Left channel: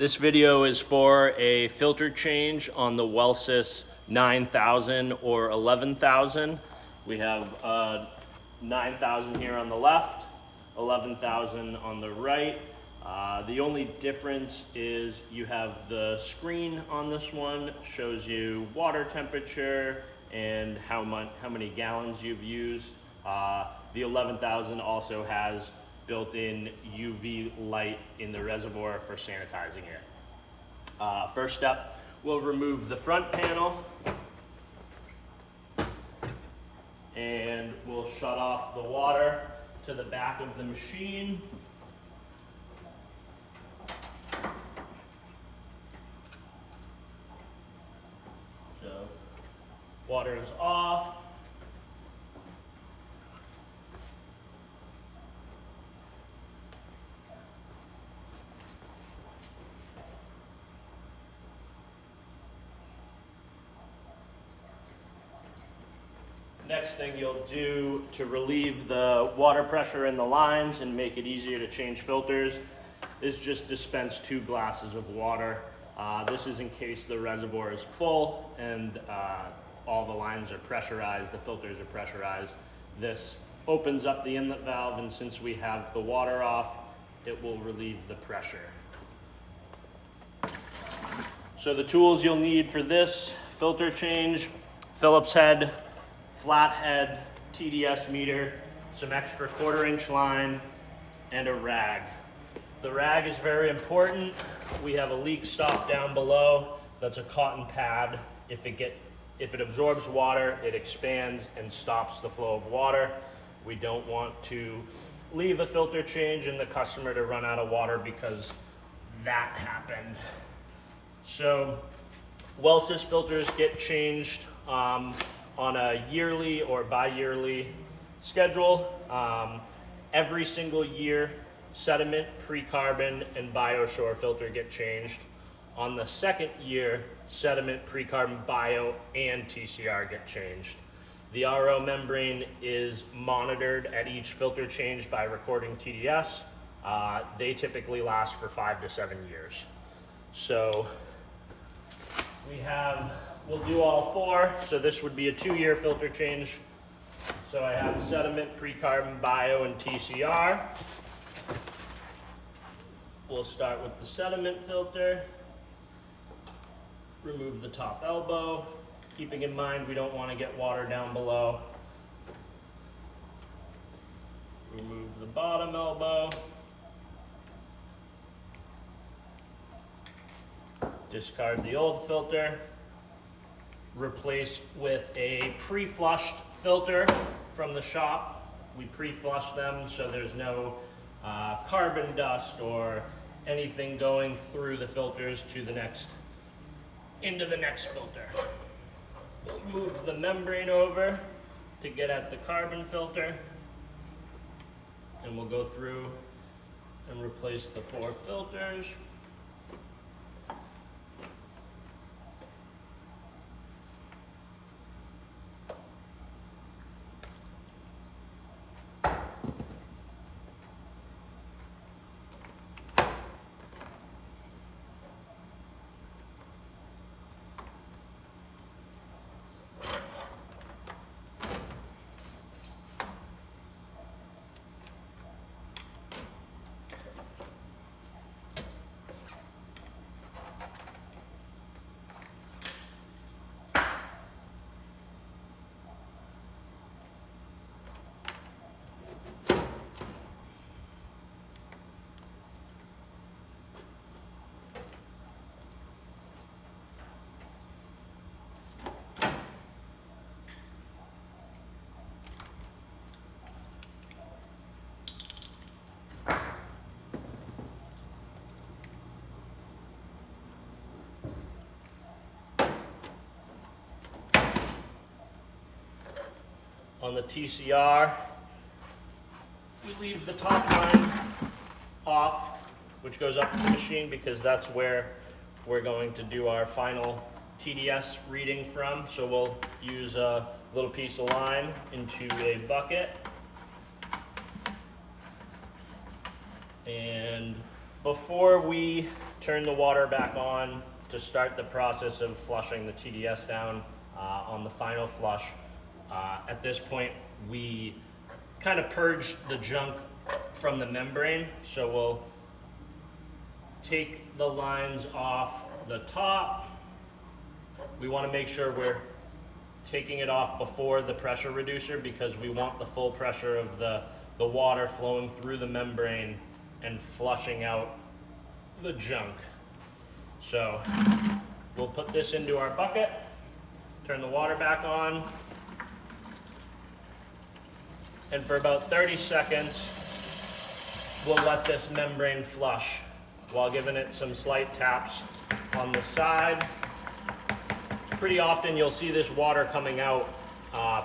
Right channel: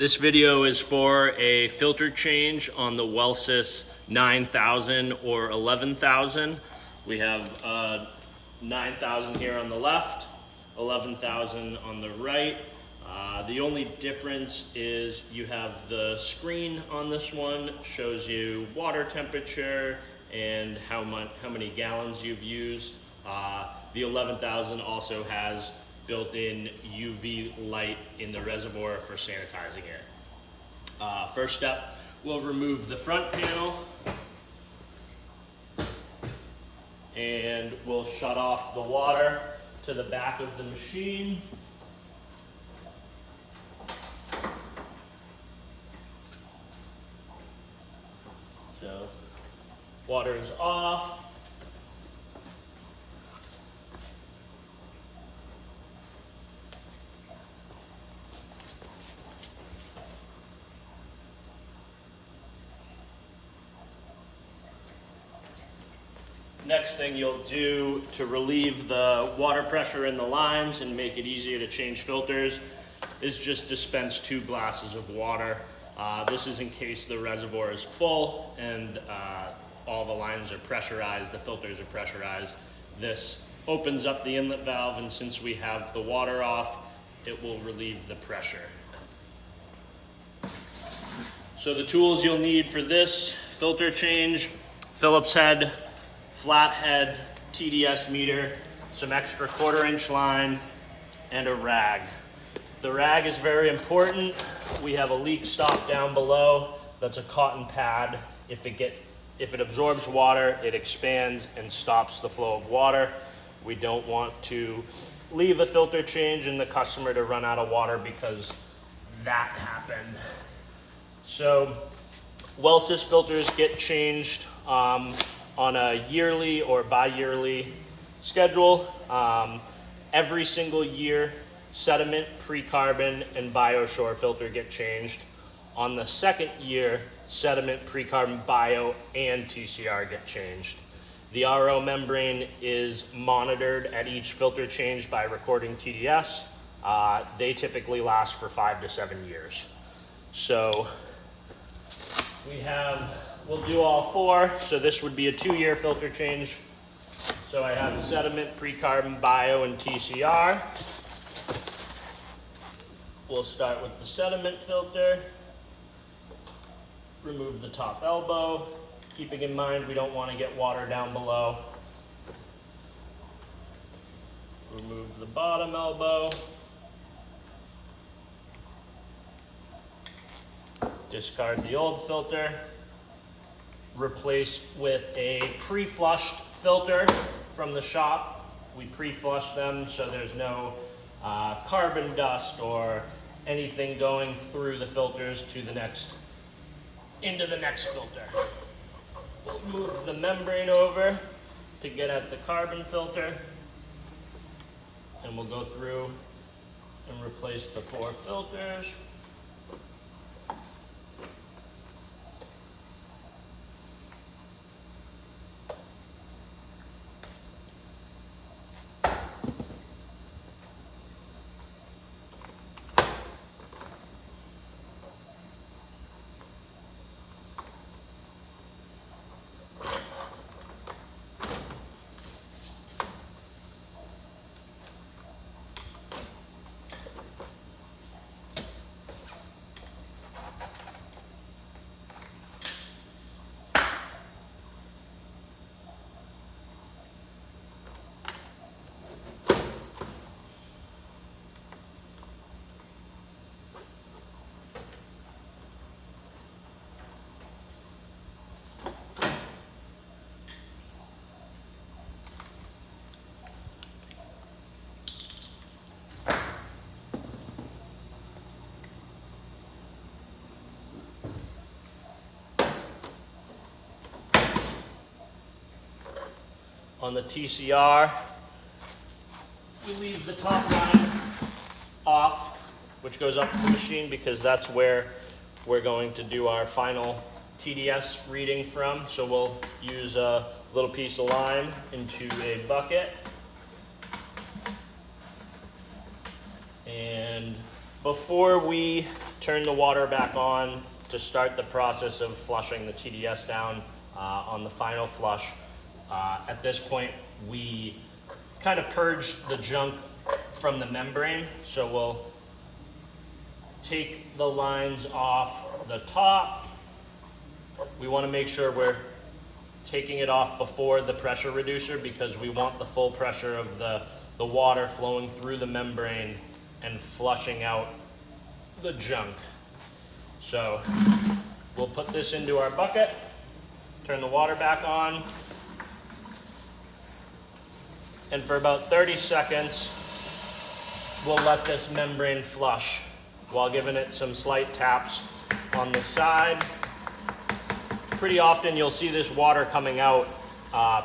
This video is for a filter change on the Wellsys 9000 or 11,000. We have 9,000 here on the left, 11,000 on the right. The only difference is you have the screen on this one, shows you water temperature and how many gallons you've used. The 11,000 also has built-in UV light in the reservoir for sanitizing it. First step, we'll remove the front panel and we'll shut off the water to the back of the machine. So, water is off. Next thing you'll do to relieve the water pressure in the lines and make it easier to change filters is just dispense 2 glasses of water. This is in case the reservoir is full and all the lines are pressurized, the filters are pressurized. This opens up the inlet valve, and since we have the water off, it will relieve the pressure. So the tools you'll need for this filter change: Phillips head, flathead, TDS meter, some extra 1/4-inch line, and a rag. The rag is very important. We have a leak stop down below. That's a cotton pad. If it absorbs water, it expands and stops the flow of water. We don't want to leave a filter change and the customer to run out of water because that happened. So Wellsys filters get changed on a yearly or bi-yearly schedule. Every single year, sediment, pre-carbon, and BioSure filter get changed. On the second year, sediment, pre-carbon, bio, and TCR get changed. The RO membrane is monitored at each filter change by recording TDS. They typically last for 5 to 7 years. So we'll do all 4. So this would be a 2-year filter change. So I have sediment, pre-carbon, bio, and TCR. We'll start with the sediment filter. Remove the top elbow, keeping in mind we don't want to get water down below. Remove the bottom elbow. Discard the old filter. Replace with a pre-flushed filter from the shop. We pre-flush them so there's no carbon dust or anything going through the filters into the next filter. We'll move the membrane over to get at the carbon filter, and we'll go through and replace the 4 filters. On the TCR, we leave the top line off, which goes up to the machine because that's where we're going to do our final TDS reading from. So we'll use a little piece of line into a bucket and Before we turn the water back on to start the process of flushing the TDS down on the final flush, at this point we kind of purge the junk from the membrane. So we'll take the lines off the top. We want to make sure we're taking it off before the pressure reducer because we want the full pressure of the water flowing through the membrane and flushing out the junk. So we'll put this into our bucket, turn the water back on, and for about 30 seconds, we'll let this membrane flush while giving it some slight taps on the side. Pretty often you'll see this water coming out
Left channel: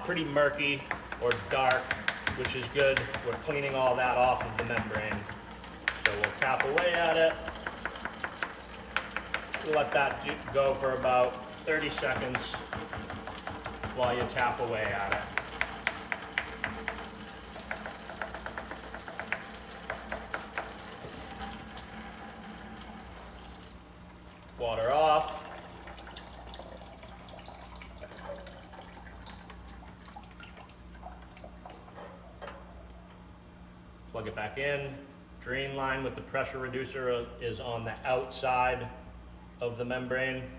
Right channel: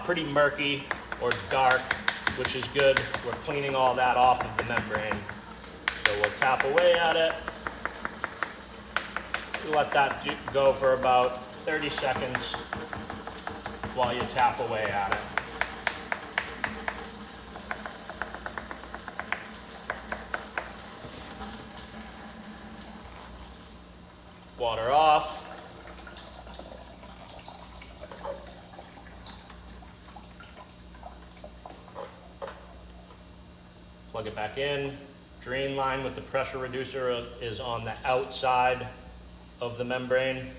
pretty murky or dark, which is good. We're cleaning all that off of the membrane. So we'll tap away at it. Let that go for about 30 seconds while you tap away at it. Water off. Plug it back in. Drain line with the pressure reducer is on the outside of the membrane.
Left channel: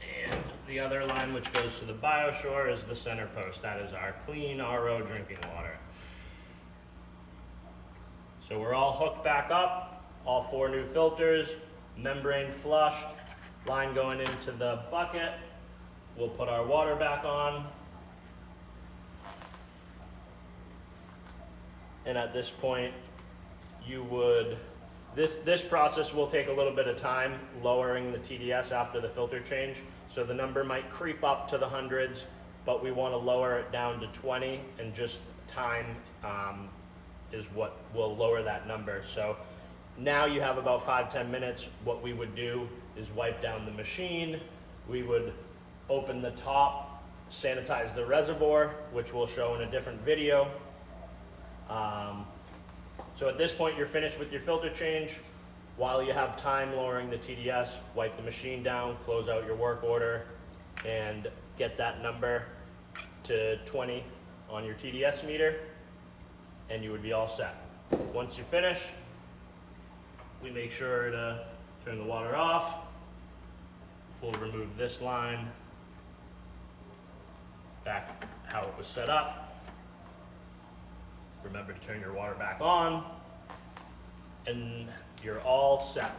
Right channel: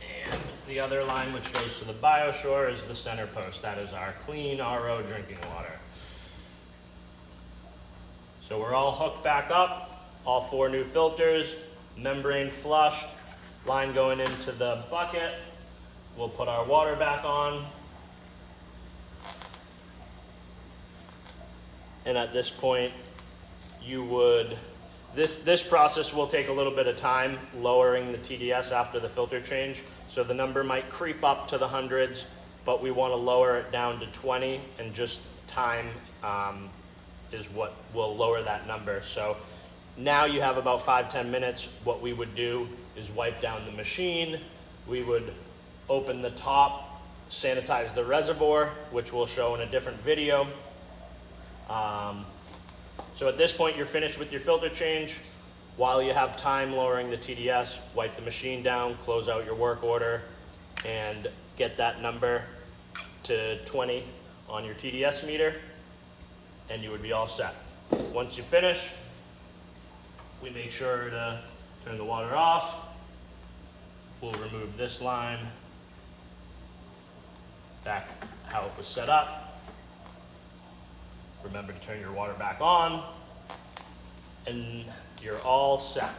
And the other line which goes to the BioSure is the center post. That is our clean RO drinking water. So we're all hooked back up, all 4 new filters, membrane flushed, line going into the bucket. We'll put our water back on. And at this point, this process will take a little bit of time, lowering the TDS after the filter change. So the number might creep up to the hundreds, but we want to lower it down to 20, and just time is what will lower that number. So now you have about 5-10 minutes. What we would do is wipe down the machine. We would open the top, sanitize the reservoir, which we'll show in a different video. So at this point, you're finished with your filter change. While you have time lowering the TDS, wipe the machine down, close out your work order, and get that number to 20 on your TDS meter, and you would be all set. Once you finish, we make sure to turn the water off. We'll remove this line back how it was set up. Remember to turn your water back on, and you're all set.